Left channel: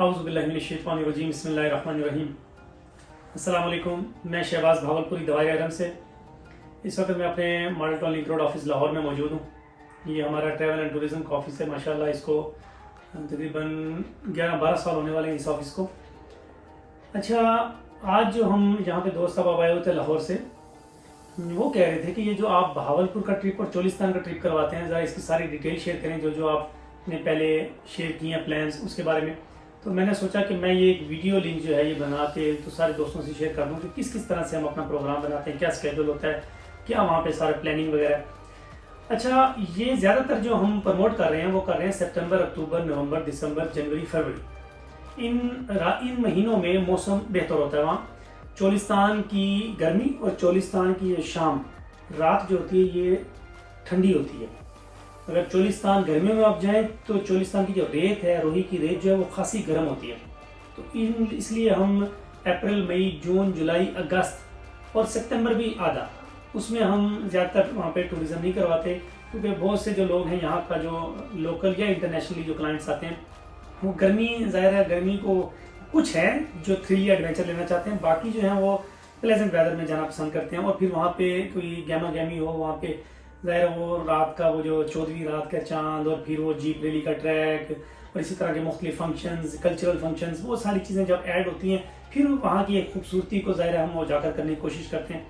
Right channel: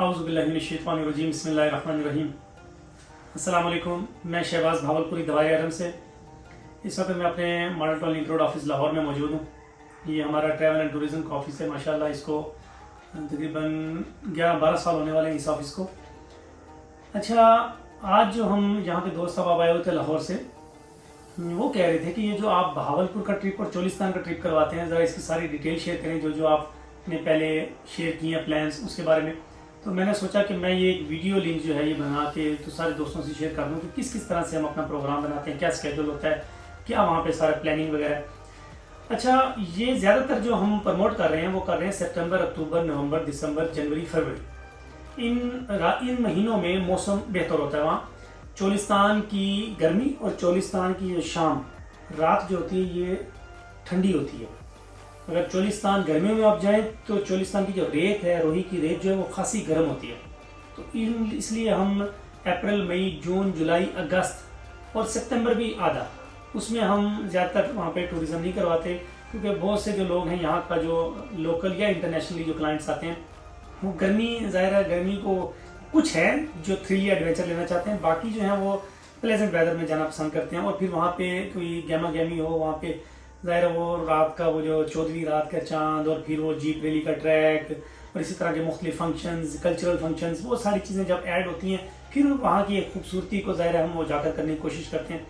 औज़ुबिल्लाहिमिनश्शैतानिर्रजीम बिस्मिल्लाहिर्रहमानिर्रहीम। अस्सलाम वालेकुम। मैं शहबाज भावलपुरी दवाई आरम से इस वक्त मैं अपने model town link road office Lahore में मौजूद हूँ। ये हमारा ट्रैवल एंड टूरिज़्म का ऑफिस है। माशाल्लाह इसको तकरीबन 11-12 साल होने वाले हैं इस ऑफिस को। अच्छा, आज जो हम यहाँ पे दोस्त साहब आए हुए थे लाहौर से, वो कह रहे थे कि ये जो आप बहावलपुर का ट्रिप और चोलिस्तान का ट्रिप करवाते हैं, ज़रा इसकी सारी डिटेल शेयर करें, जो जो आपने पहले शेयर किए हैं प्लान्स उसके बारे में। तो मैंने सोचा कि मैं ये एक वीडियो लिंक जो है ये बना के तो सारे दोस्तों से शेयर कर दूँ कि किस किस तरह से हम अपना प्रोग्राम बनाते हैं, क्या स्केड्यूल होता है, क्या वहाँ पे सारा प्लानिंग वगैरह। अच्छा, ये ज़्यादातर जो हम प्रमोट कर रहे हैं वो कर रहे हैं सितंबर, अक्टूबर, नवंबर, दिसंबर, जनवरी, फरवरी। इन महीनों में मौसम बेहतर होता है। वहाँ चोलिस्तान की गर्मी और चोलिस्तान की ये शाम रात जो होती है ये ठंडी होती है। अगर चोलिस्तान गर्मियों में आप जाएं तो चोलिस्तान की जो रेत है, रोही की रेत जो है वो खासी गर्म होती है। तो इसलिए हम अप्रैल, मई, जून, जुलाई, अगस्त और सितंबर भी आधा, उसमें हम ज़्यादातर वहाँ पे टूरिज़्म नहीं करवाते, क्योंकि बहुत से जो लोग हैं यहाँ का जो लोकल या इंटरनेशनली जो क्लाइंट्स आते हैं वो गर्मी, ज़ाहिर है गर्मी को कुछ है जो थ्रिल या एडवेंचर लेना चाहते हैं, बाकी जो है वो प्लेजेंट वेदर में जाना पसंद करते हैं। और फिर वहाँ पे कोई गैमा गैमी हो, वहाँ पे ज़ाहिर है वो रात का वो जो 14वीं रात का चांद और फिर वो जीप रैली का ट्रैक और इसी तरह के मुख्तलिफ फंक्शंस, कल्चरल फंक्शंस, वो सारी चीज़ें जब ऐड होती हैं फिर वहाँ की एक खूबसूरती को ज़ाहिर है हम वो जाकर करने की कोशिश करते हैं।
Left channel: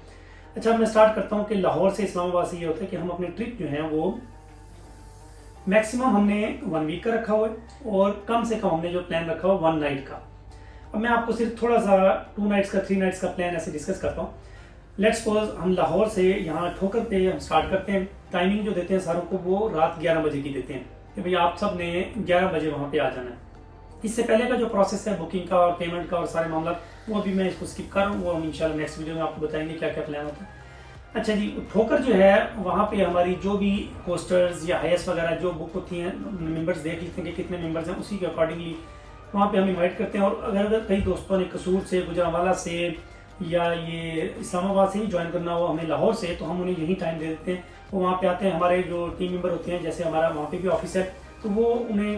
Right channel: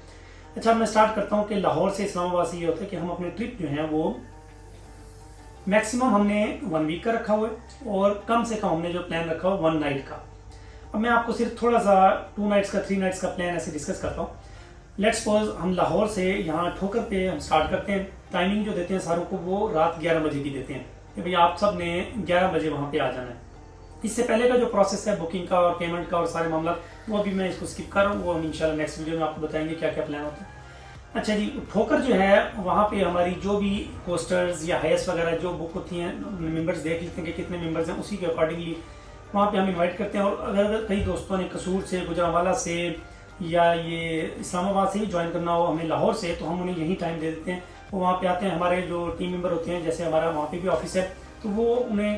अच्छा, मैं स्टार्ट करता हूँ कि लाहौर से इस्लामाबाद से ये होता है कि हम अपने ट्रिप जो है वो मैक्सिमम हमने 1 वीक का रखा हुआ है और कम से कम हमने जो प्लान रखा हुआ 1 नाइट का। अब मैं आपको सिर्फ थोड़ा सा 2 नाइट्स का, 3 नाइट्स का प्लान ऐसे डिस्कस करता हूँ। लेट्स सपोज हम लाहौर से यहाँ ठोकर पे हम स्टार्ट करते हैं। टाइमिंग जो देते हैं सारों को वो रात 11 बजे की देते हैं कि भाई आप सब ने 11 बजे वहाँ पे आ जाना है। इससे पहले का जो प्रोसेस है बुकिंग का और पेमेंट का और सारे मामला, वो अभी मैं इसको स्किप कर रहा हूँ, वो हम इंशाल्लाह नेक्स्ट वीडियो में आपको बताएंगे क्या क्या प्लान होता है। अच्छा जी, ठोकर जो है वहाँ पे हमारी जो भी कोस्टर्स या हाइस्ट वगैरह जो बुक होती हैं, मेंबर्स देख लेते हैं कि कितने मेंबर्स हैं, उसी के अकॉर्डिंगली वहाँ पे हम इन्वाइट करते हैं। और अगर कई दोस्तों ने कसूर से, गुजरांवाला से या ये इस्लामाबाद से ही ज्वाइन करना हो हमें लाहौर से, तो हम उन्हें यही टाइम दे देते हैं। वो वहाँ पे आते हैं, हमारे जो टीम मेंबर होते हैं, जैसे हमारा वहाँ पे भी ऑफिस है, तो वो उन्हें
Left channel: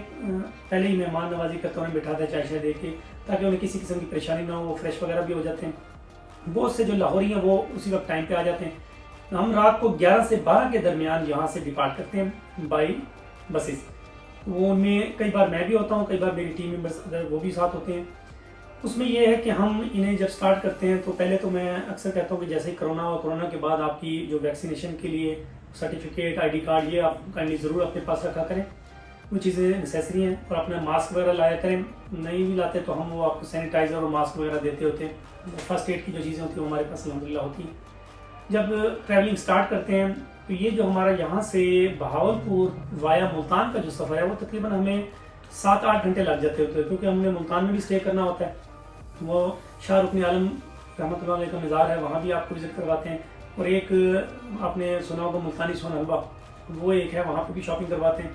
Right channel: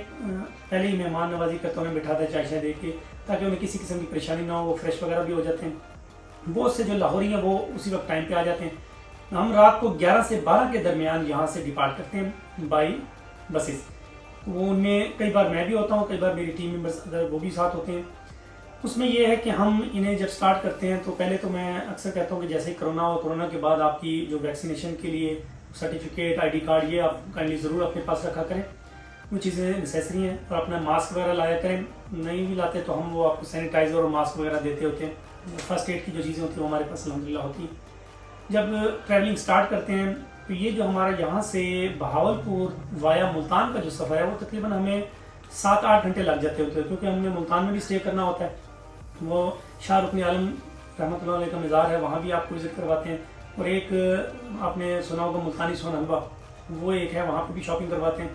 पहले ही मेहमान नवाजी करते हैं, उन्हें बिठाते हैं चाय शाय दे के, ताकि उन्हें किसी किस्म की परेशानी ना हो, वो फ्रेश वगैरह भी हो जाते हैं। बहुत से जो लाहौरी हैं वो उसी वक्त टाइम पे आ जाते हैं। हम रात को 11 से 12 के दरमियान यहाँ से डिपार्ट करते हैं बाई बसेस। वो उनमें कई बार मैं भी होता हूँ, कई बार मेरी टीम मेंबर्स अगर वो भी साथ होते हैं। उसमें यह है कि हम इन्हें जब स्टार्ट करते हैं तो पहले तो मैं अक्सर कहता हूँ कि जैसे ही कोरोना हो, कोरोना के बाद आपकी जो वैक्सीनेशन के लिए सर्टिफिकेट, ID कार्ड, ये आप काइंडली ज़रूर अपने पास रखा करें। वो चीज़ें नेसेसरी हैं। और अपना मास्क वगैरह लाया करें, नहीं भी लाते तो हम वो आपको सैनिटाइज़र और मास्क वगैरह देते होते हैं। फर्स्ट एड की जो चीज़ें होती हैं वो हमारे पास अल्हम्दुलिल्लाह होती हैं। जब ट्रैवलिंग स्टार्ट करते हैं तो ये जो हमारा यहाँ से बहावलपुर वाया मुल्तान का जो सफ़र है वो तकरीबन हमें 7-8 घंटे लग जाते होते हैं, क्योंकि हमने मुल्तान में भी स्टे करना होता है। वो शाह रुकन आलम रहमतुल्लाह अलैह का मज़ार है, वहाँ भी आपको विज़िट करवाते हैं। और एक आपने सुना होगा मुल्तानी सोन हलवा, वो एक है, वहाँ पे भी शॉपिंग करवाते हैं।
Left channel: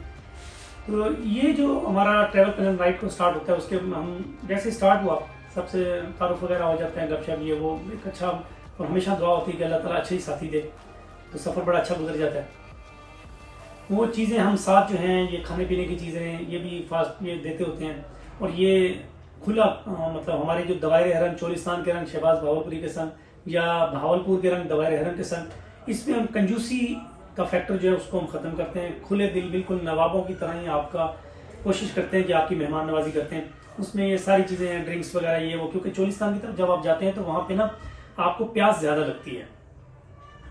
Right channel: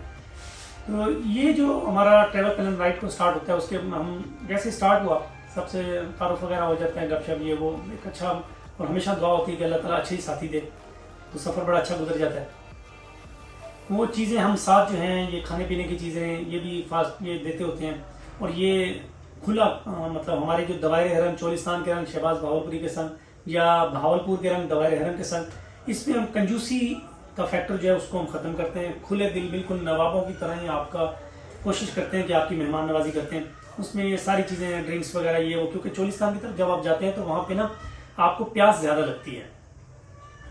तो ये जो हमारा ट्रैवल प्लान राइड को स्टार्ट होता है, उसके हम जैसे स्टार्ट हुआ सबसे तारुफ वगैरह हो जाते हैं, गपशप, ये वो एक अच्छा, और हमेशा दुआ होती है कि अल्लाह ताला अच्छे ही साथी दे, तो सफ़र बड़ा अच्छा गुजर जाता है। वो चीज़ें हम साथ जो हैं, ये खाने पीने की चीज़ें ये भी फास्ट ये देते होते हैं। और ये खुला मतलब हमारे जो दवायर हरम चोलिस्तान के रंग शहबाज भावलपुरी के संग या भावलपुर के रंग दवायर हरम के संग, इसमें हम कंजूसी का फैक्टर जो है उसको हम ख़त्म करते हैं। खुले दिल, बिल्कुल नवाबों की तरह ही आपका कोशिश करते हैं कि आपकी मेहमान नवाजी करते हैं। उसमें ये सारी चीज़ें, ड्रिंक्स वगैरह ये वो, क्योंकि चोलिस्तान की तरफ जब आप जाते हैं तो वहाँ पर ना आपको प्यास ज़्यादा लगती है,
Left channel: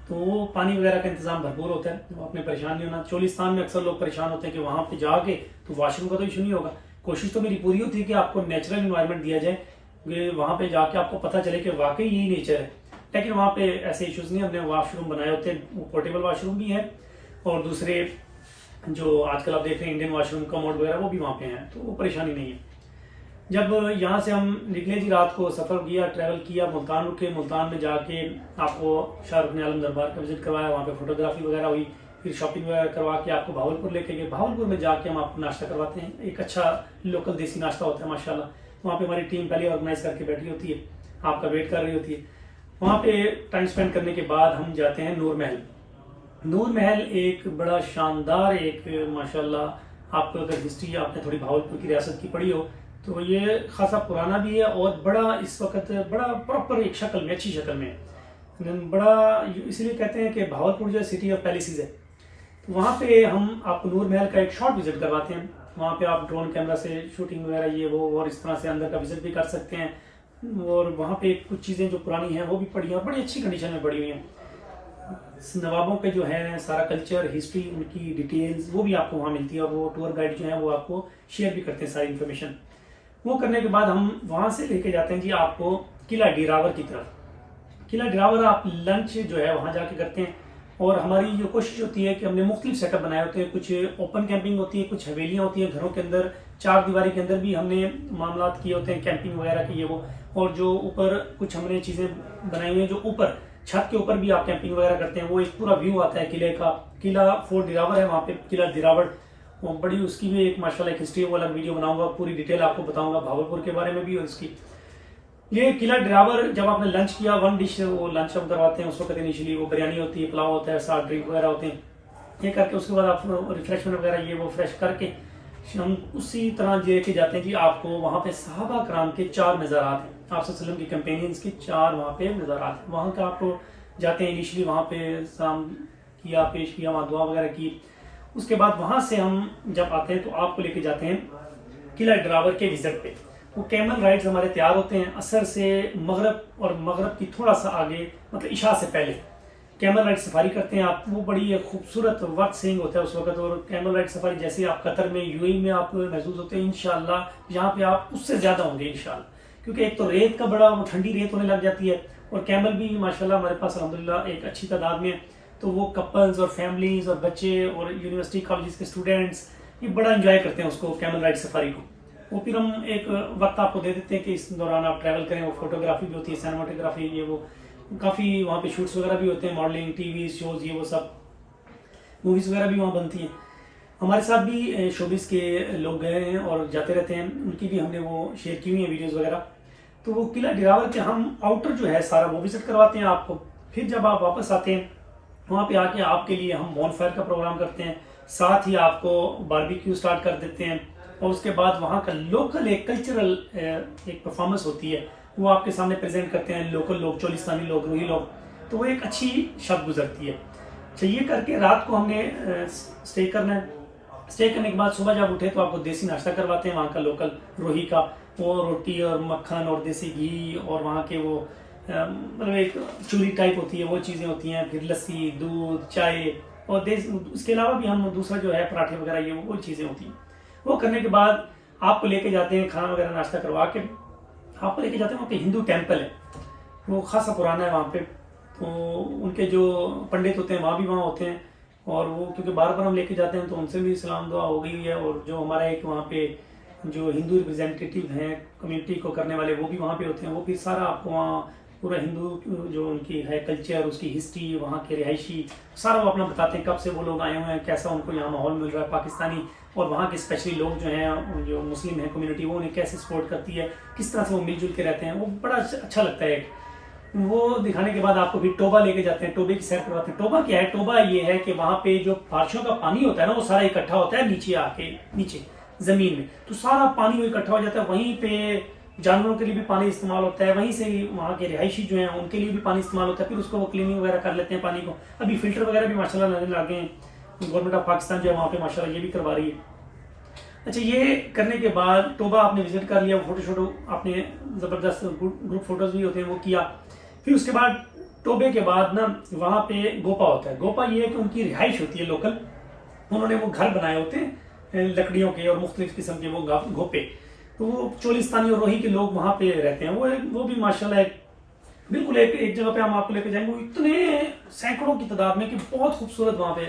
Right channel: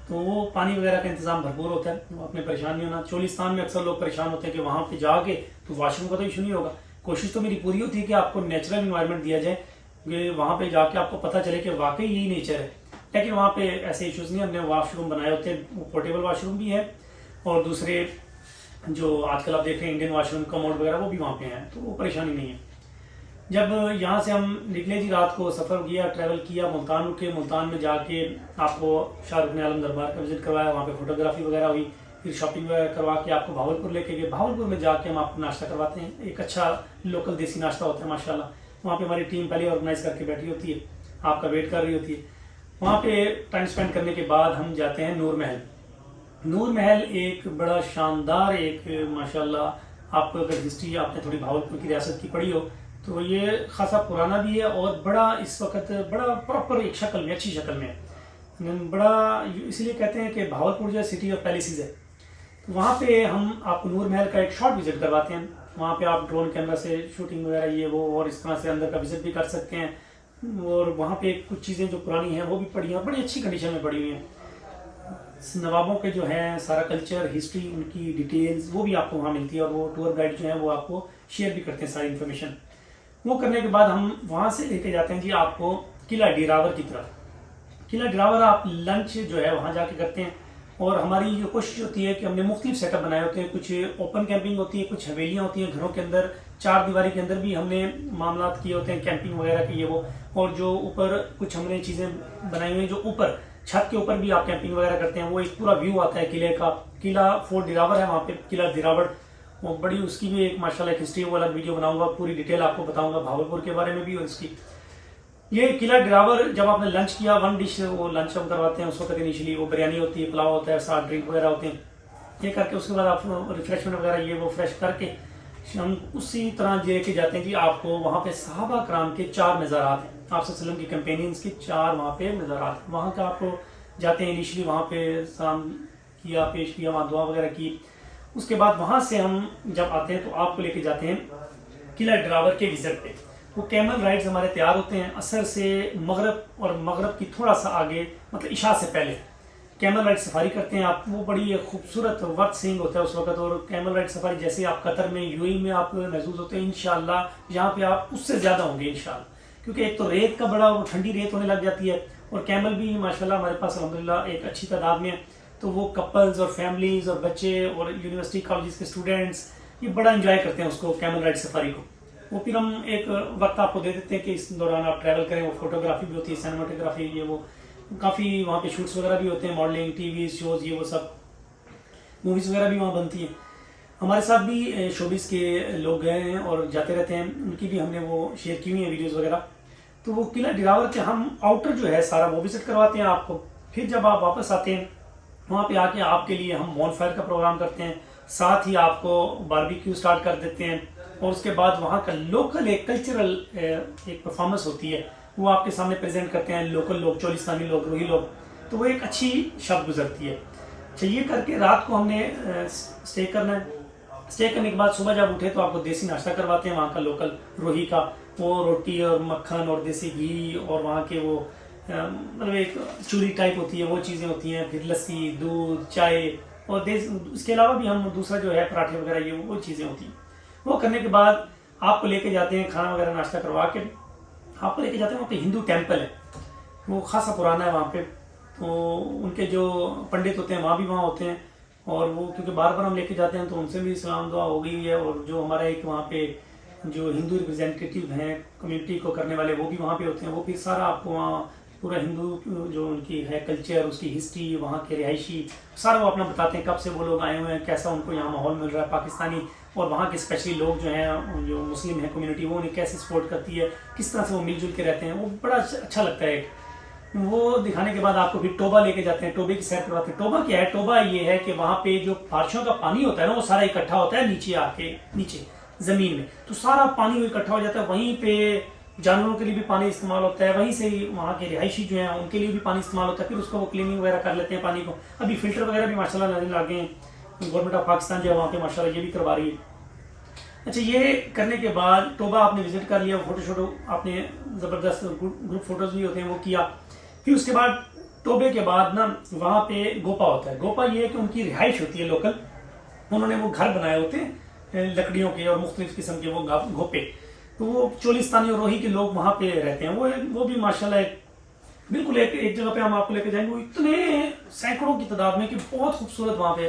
तो वो पानी वगैरह का इंतजाम भरपूर होता है, तो आपने परेशान नहीं होना। चोलिस्तान में अक्सर लोग परेशान होते हैं कि वहाँ पे जाके तो वॉशरूम का तो इशू नहीं होगा। कोशिश तो मेरी पूरी होती है कि आपको नेचुरल इन्वायरमेंट दिया जाए, कि वहाँ पे जाके आपको पता चले कि वाकई यही नेचर है। लेकिन वहाँ पे ऐसे इश्यूज नहीं, हमने वॉशरूम बनाए होते हैं, वो पोर्टेबल वॉशरूम भी है और दूसरे जो आजकल आप देख रहे हैं इंडियन वॉशरूम, कमोड वगैरह, वो भी वहाँ पे हैं, तो वो परेशानी नहीं है। जब यहाँ से हम निकले जी, रात को सफ़र किया, ट्रैवल किया, मुल्तान रुके, मुल्तान में जाके आपको शाह रुकन आलम दरबार का विजिट करवाया, वहाँ पे फोटोग्राफी वगैरह हुई, फिर शॉपिंग वगैरह करवा के आपको भावलपुर लेके गए। भावलपुर में जाके हम आपको नाश्ता करवाते हैं, एक अच्छा लोकल देसी नाश्ता होता है माशाल्लाह। वहाँ पे हमारी टीम पहले ऑर्गेनाइज करके बैठी होती है, आपका वेट कर रही होती है। वहाँ पे टाइम स्पेंड करने के बाद हम जाते हैं नूर महल। नूर महल एक बड़ा शानदार एक माशाल्लाह, आपको अगर हिस्ट्री आपने थोड़ी भावलपुर की रियासत की पढ़ी हो तो ये खासा पुराना भी है और बड़ा इस वक्त बड़ा प्रॉपर एक शक्ल में, अच्छी शक्ल में है। बड़ा इसलिए कहते हैं कि भावलपुर जो सिटी ऑफ पैलेसेस है, तो वहाँ पे हम आपको नूर महल का एक शॉर्ट विजिट करवाते हैं। वहाँ पे आप ड्रोन कैमरा से शूटिंग वगैरह ये वो और इस तरह से अंदर का विजिट भी कर सकते हैं। और वहाँ पे कुछ चीज़ें जो पुरानी हैं वो भी पड़ी हैं, बड़ी अच्छी कंडीशन में पड़ी हुई हैं। नवाबों के जो है सारा कल्चर, हिस्ट्री, उनकी डिटेल्स वो भी आपको वहाँ मिलती है और वो टूर गाइड जो है वो आपको शेयर भी करते हैं सारी इन्फॉर्मेशन। वो करने के बाद हम वहाँ से लेके जाते हैं जी आपको किला डिरावर की तरफ। किला डिरावर आप लंच जो है वहाँ जाके करते हैं। और हमारी जो कोशिश होती है कि हमने मुख्तलिफ सेटअप बनाए होते हैं, कुछ ओपन कैंपिंग होती है, कुछ हवेलियाँ होती हैं घरों के अंदर, चार दीवारी के अंदर भी हमने मामला किए होते हैं कैंपिंग वगैरह के ये वो। और जो ऊपर कुछ हमने चीज़ें बनाई हुई हैं, जो ऊपर छत के ऊपर भी आप कैंपिंग वगैरह करते हैं, वो एक पूरा व्यू आता है किले का। किला फोर्ट डिरावर है वहाँ पे, किला डिरावर, और बड़ी उसकी भी एक माशाल्लाह एक हिस्ट्री वाला वीडियो बनाऊंगा, पूरी डिटेल आपको बताऊंगा भावलपुर के बारे में भी और इसकी। ये किला डिरावर जब आपने लंच किया, वन डिश वो लंच हम करवाते हैं उस वक्त इनिशियली, वो बिरयानी होती है, पुलाव होता है, साथ ड्रिंक वगैरह होते हैं। ये करके उसके बाद आप रिफ्रेशमेंट वगैरह ये वो फ्रेश करके हम उसी तरह लेके जाते हैं जी आपको वहाँ पे सहाबा कराम के 4 मज़ारात हैं, आप सल्लल्लाहु अलैहि वसल्लम की कंपेनियंस के 4 वहाँ पे मज़ारात हैं। वहाँ का आप जाते हैं इनिशियली, वहाँ पे सलाम किया, पेश किया, वहाँ दुआ वगैरह की। उसके बाद वहाँ से हम जब आते हैं तो आपको लेके जाते हैं किला डिरावर के विजिट पे। वो कैमल राइड्स हमारे तैयार होते हैं असर से मगरब, और मगरब की थोड़ा सा आगे मतलब इशा से पहले कैमल राइड सफारी करते हैं आप। वो बड़ी खूबसूरत वर्थ सीइंग होता है उस वक्त। और कैमल राइड सफारी जैसे आप कतर में, यूएई में आप महसूस होते हैं, इंशाल्लाह यहाँ पे आप उससे ज्यादा होंगे इंशाल्लाह। क्योंकि एक तो रेत का बड़ा, वो ठंडी रेत होने लग जाती है, और कैमल भी माशाल्लाह हमारे पास अल्हम्दुलिल्लाह एक अच्छी तादाद में। तो वो कपल्स और फैमिलीज और बच्चे और यूनिवर्सिटी कॉलेज के स्टूडेंट्स ये बड़ा इंजॉय करते हैं उसको, कैमल राइड सफारी को। वो फिर हम एक वक्त आपको दे देते हैं कि इस दौरान आप ट्रैवल करें। वो फोटोग्राफी भी होती है, सिनेमाटोग्राफी, ये वो काफ़ी वहाँ पे शूट्स वगैरह भी होते हैं, मॉडलिंग, टीवी शोज, ये वो सब मूवीज़ वगैरह भी वहाँ बनती हैं। हमारे साथ भी शोबिस के लोग गए हैं और जाते रहते हैं, उनकी भी हमने वो शेयर की हुई है वीडियोज़ वगैरह। तो वो किला डिरावर के हम आउटर जो है सारा वो विजिट करवाते हैं आपको। फिर जब आप वापस आते हैं वहाँ पे आके आपके लिए हम बॉनफायर का प्रोग्राम करते हैं, साथ ही आपको बारबेक्यू स्टार्ट कर देते हैं। और उसके बाद वहाँ का लोकल एक कल्चरल एक परफॉर्मेंस होती है, वो आपके सामने प्रेजेंट करते हैं लोकल लोग, चोलिस्तानी लोग, रोही लोग। तो वो एक अच्छी शब गुजरती है। अच्छा, ये करके रात को हमने स्टे करना है। स्टे करने के बाद सुबह जब उठे तो आपको देसी नाश्ता करवाते हैं वहाँ का लोकल रोही का, वो रोटी और मक्खन और देसी घी और वहाँ के वो मतलब एक चूरी टाइप होती है, वो चीज़ें होती हैं। फिर लस्सी, दूध, चाय और इसके अलावा भी हम दूसरा जो है पराठे वगैरह ये वो चीज़ें होती हैं। वो करने के बाद आपको लेके जाते हैं, खाना वगैरह नाश्ता करवा के आपको लेके जाते हैं। वहाँ पे हिंदू टेम्पल है, वो खासा पुराना है वहाँ पे। तो उनके जो पंडित होते हैं वहाँ भी वहाँ होते हैं, और वो क्योंकि बार बार हम लेके जाते हैं तो उनसे भी सलाम दुआ हो गई है। और जो हमारा एक वहाँ पे जो हिंदू रिप्रेजेंटेटिव हैं कम्युनिटी को करने वाले, वो भी वहाँ पे होते हैं। वो फिर सारा आपको वहाँ पूरा हिंदू जो उनकी है कल्चर, उसकी हिस्ट्री, वहाँ के रिहायशी सारा वो अपना बताते हैं, कब से वो लोग आए हुए हैं, कैसा उनको यहाँ माहौल मिल रहा है पाकिस्तानी, और वहाँ के स्पेशली लोग जो हैं जो मुस्लिम हैं कम्युनिटी, वो उन्हें कैसे सपोर्ट करती है, किस तरह से वो मिलजुल के रहते हैं। वो बड़ा अच्छा लगता है। वो दिखाने के बाद आपको फिर टोबा लेके जाते हैं, टोबे की सैर करवाते हैं। टोबा क्या है? टोबा ये है कि वहाँ पे जो बारिशों का पानी होता है ना, वो सारा इकट्ठा होता है नीचे आके, नीचे जमीन में, तो सारा पानी वो इकट्ठा हो जाता है। वहीं पे जानवरों के लिए भी पानी इस्तेमाल होता है, वहीं से वहाँ के रिहायशी जो हैं उनके लिए भी पानी इस्तेमाल होता है। फिर उसको वो क्लीनिंग वगैरह कर लेते हैं पानी को। अभी फिल्टर वगैरह भी माशाल्लाह नजर आ गए हैं, गवर्नमेंट ऑफ पाकिस्तान जो है वहाँ पे माशाल्लाह ये भी करवा रही है। अच्छा, ये करने के बाद टोबा आपने विजिट कर लिया, फोटो शोटो आपने ज़बरदस्त ग्रुप फोटोज भी होते हैं वो किया। फिर उसके बाद टोबे के बाद ना वहाँ पे गोपा होता है। गोपा ये है कि उनकी रिहाइश होती है लोकल, उन्होंने वो घर बनाए होते हैं लकड़ियों के और मुख्तलिफ किस्म के वो गोपे। तो वो चोलिस्तानी और रोही के लोग वहाँ पे रहते हैं। वो भी माशाल्लाह बिल्कुल एक जगह पे हम आपको लेकर जाएंगे, वो इतने सैकड़ों की तादाद में कि बहुत खूबसूरत वहाँ पे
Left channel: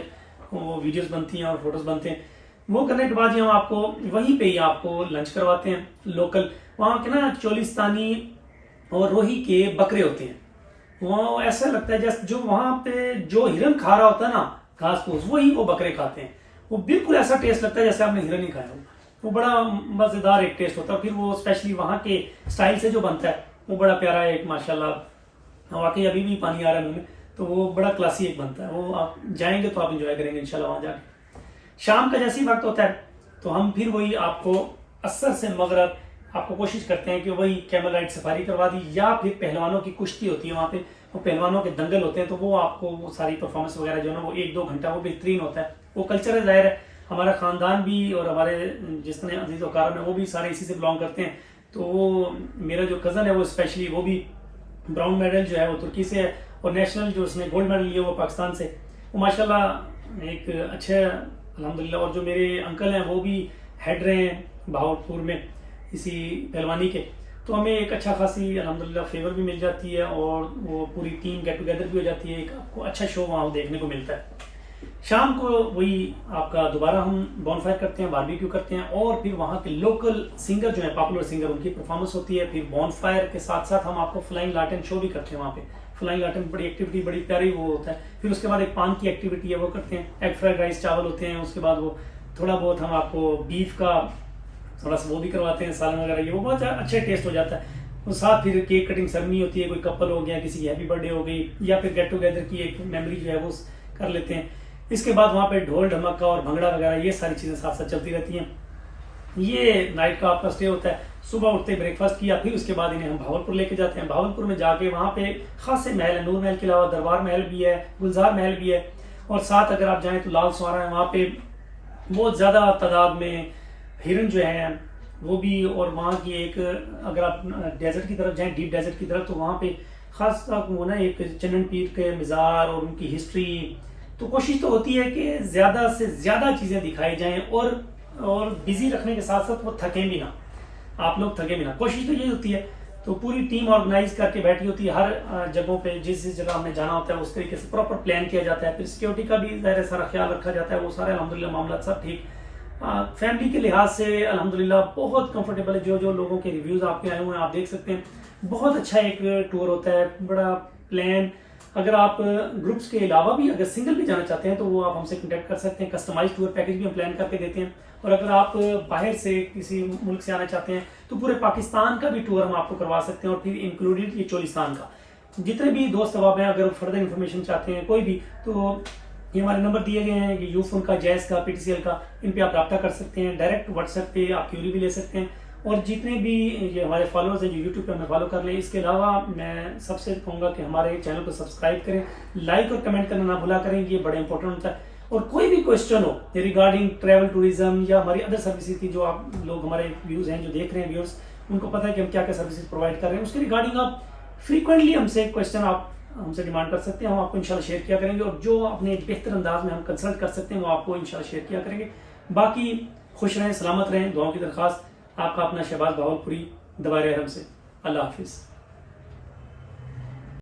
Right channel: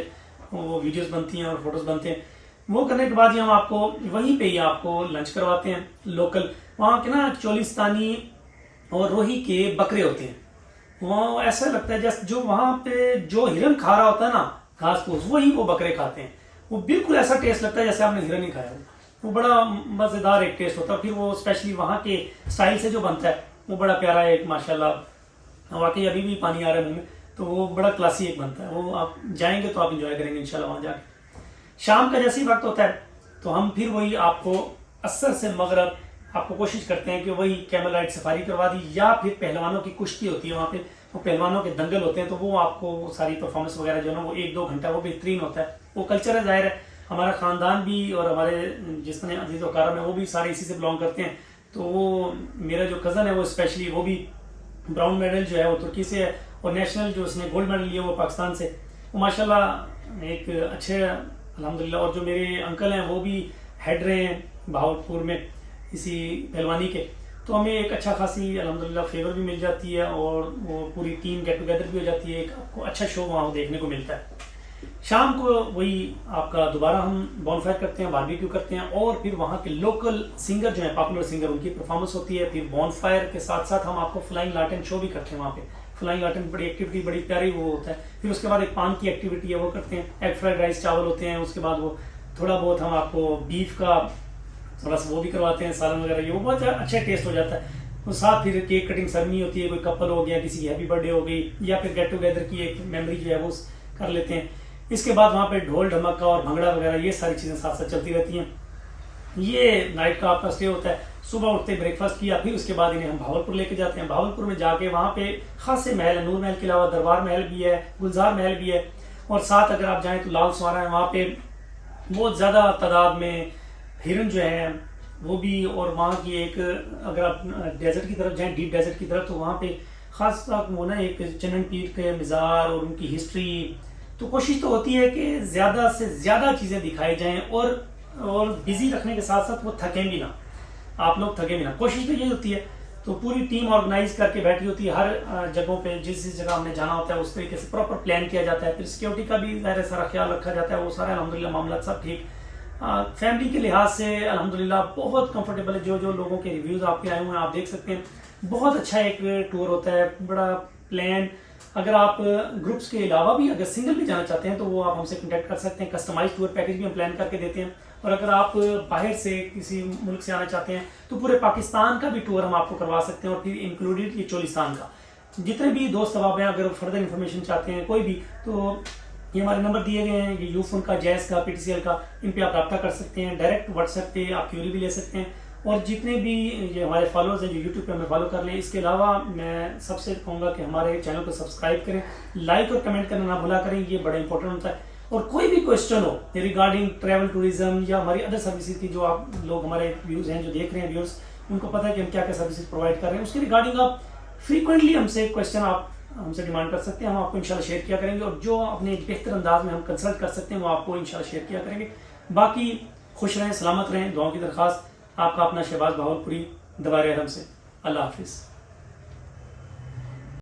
वो वीडियोस बनती हैं और फोटोज बनते हैं। वो करने के बाद ही हम आपको वहीं पे ही आपको लंच करवाते हैं लोकल। वहाँ के ना चोलिस्तानी और रोही के बकरे होते हैं, वहाँ ऐसा लगता है जैसे जो वहाँ पे जो हिरन खा रहा होता है ना घास फूस, वही वो बकरे खाते हैं। वो बिल्कुल ऐसा टेस्ट लगता है जैसे आपने हिरन ही खाया हो। वो बड़ा मज़ेदार एक टेस्ट होता है। फिर वो स्पेशली वहाँ के स्टाइल से जो बनता है वो बड़ा प्यारा है एक, माशाल्लाह वाकई अभी भी पानी आ रहा है मुंह में। तो वो बड़ा क्लासी एक बनता है। वो आप जाएंगे तो आप इंजॉय करेंगे इंशाल्लाह वहाँ जाके। शाम का जैसे ही वक्त होता है तो हम फिर वही आपको असर से मगरब आपको कोशिश करते हैं कि वही कैमल राइड सफारी करवा दी, या फिर पहलवानों की कुश्ती होती है वहाँ पे, वो पहलवानों के दंगल होते हैं, तो वो आपको वो सारी परफॉर्मेंस वगैरह जो है ना वो 1-2 घंटा वो बेहतरीन होता है। वो कल्चर है, जाहिर है हमारा खानदान भी और हमारे जिसने अजीज वकार में वो भी सारे इसी से बिलोंग करते हैं। तो वो मेरा जो कज़न है वो स्पेशली वो भी ब्राउन मेडल जो है वो तुर्की से है, और नेशनल जो उसने गोल्ड मेडल लिया वो पाकिस्तान से। वो माशाल्लाह एक अच्छे अल्हम्दुलिल्लाह। और जो मेरे अंकल हैं वो भी हेड रहे हैं बहावलपुर में इसी पहलवानी के, तो हमें एक अच्छा खासी अल्हम्दुलिल्लाह फेवर भी मिल जाती है, और वो पूरी टीम गेट टुगेदर भी हो जाती है, एक आपको अच्छा शो वहाँ देखने को मिलता है। शाम को वही आपका दोबारा हम बॉनफायर करते हैं, बारबेक्यू करते हैं, और फिर वहाँ के लोकल सिंगर जो है पॉपुलर सिंगर उनकी परफॉर्मेंस होती है। फिर बॉनफायर के साथ साथ हम आपको फ्लाइंग लार्टेन शो भी करते हैं वहाँ पे। फ्लाइंग लार्टेन बड़ी एक्टिविटी, बड़ी प्यारी वो होता है। फिर उसके बाद एक पान की एक्टिविटी है वो करते हैं, एग फ्राइड राइस चावल होते हैं। उसके बाद वो थोड़ा बहुत हम आपको बीफ का थोड़ा सा वो भी करवाते हैं, सालन वगैरह, ये वो बहुत अच्छा टेस्ट हो जाता है। और साथ फिर केक कटिंग सेरेमनी होती है, कोई कपल हो गया, किसी की हैप्पी बर्थडे हो गई, या फिर गेट टुगेदर की एक मेमोरी जो है वो कर लेते हैं। इसके बाद वहाँ पे ढोल ढमक्का और भंगड़ा वगैरह ये सारी चीजें साथ साथ चलती रहती हैं। ये नाइट का आपका स्टे होता है। सुबह उठते ब्रेकफास्ट किया, फिर उसके बाद इन्हें हम भावलपुर लेके जाते हैं। भावलपुर में जाके वहाँ पे खासे महल है, नूर महल के अलावा दरबार महल भी है, गुलजार महल भी है, और साथ अगर आप जाएं तो लाल सवारा है, वहाँ पे बहुत ज्यादा तादाद में हिरन जो है वो भी। और वहाँ की एक अगर आप डेजर्ट की तरफ जाएं, डीप डेजर्ट की तरफ, तो वहाँ पे खास वो ना एक चनन पीर के मज़ार और उनकी हिस्ट्री। तो कोशिश तो होती है कि ज्यादा से ज्यादा चीजें दिखाई जाएं, और बिजी रखने के साथ साथ वो थके भी ना, आप लोग थके भी ना, कोशिश तो यही होती है। तो पूरी टीम ऑर्गेनाइज करके बैठी होती है, हर जगहों पे जिस जिस जगह हमने जाना होता है उस तरीके से प्रॉपर प्लान किया जाता है। फिर सिक्योरिटी का भी ज़ाहिर सारा ख्याल रखा जाता है, वो सारे अल्हम्दुलिल्लाह मामला सब ठीक। फैमिली के लिहाज से अल्हम्दुलिल्लाह बहुत कंफर्टेबल है। जो जो लोगों के रिव्यूज आपके आए हुए हैं आप देख सकते हैं, बहुत अच्छा एक टूर होता है, बड़ा प्लान। अगर आप ग्रुप्स के अलावा भी अगर सिंगल भी जाना चाहते हैं तो वो आप हमसे कांटेक्ट कर सकते हैं, कस्टमाइज टूर पैकेज भी हम प्लान करके देते हैं। और अगर आप बाहर से किसी मुल्क से आना चाहते हैं तो पूरे पाकिस्तान का भी टूर हम आपको करवा सकते हैं, और फिर इंक्लूडेड ये चोलिस्तान का। जितने भी दोस्त अहबाब हैं अगर फर्दर इन्फॉर्मेशन चाहते हैं कोई भी, तो ये हमारे नंबर दिए गए हैं, ये यूफोन का, जैस का, पीटीसीएल का, इन पे आप रब्ता कर सकते हैं। डायरेक्ट व्हाट्सएप पे आप क्यूरी भी ले सकते हैं। और जितने भी ये हमारे फॉलोअर्स हैं जो यूट्यूब पे हमें फॉलो कर लें, इसके अलावा मैं सबसे कहूँगा कि हमारे चैनल को सब्सक्राइब करें, लाइक और कमेंट करना ना भूला करें, ये बड़ा इंपॉर्टेंट होता है। और कोई भी क्वेश्चन हो रिगार्डिंग ट्रैवल टूरिज्म या हमारी अदर सर्विसेज की, जो आप लोग हमारे व्यूज हैं जो देख रहे हैं व्यूअर्स, उनको पता है कि हम क्या क्या सर्विसेज प्रोवाइड कर रहे हैं, उसके रिगार्डिंग आप फ्रीक्वेंटली हमसे क्वेश्चन आप हमसे डिमांड कर सकते हैं, हम आपको इंशाल्लाह शेयर किया करेंगे। और जो अपने एक बेहतर अंदाज में हम कंसल्ट कर सकते हैं वो आपको इंशाल्लाह शेयर किया करेंगे। बाकी खुश रहें, सलामत रहें, दुआओं की दरख्वास्त। आपका अपना शहबाज बहावलपुरी, दवार रहम से। अल्लाह हाफिज़।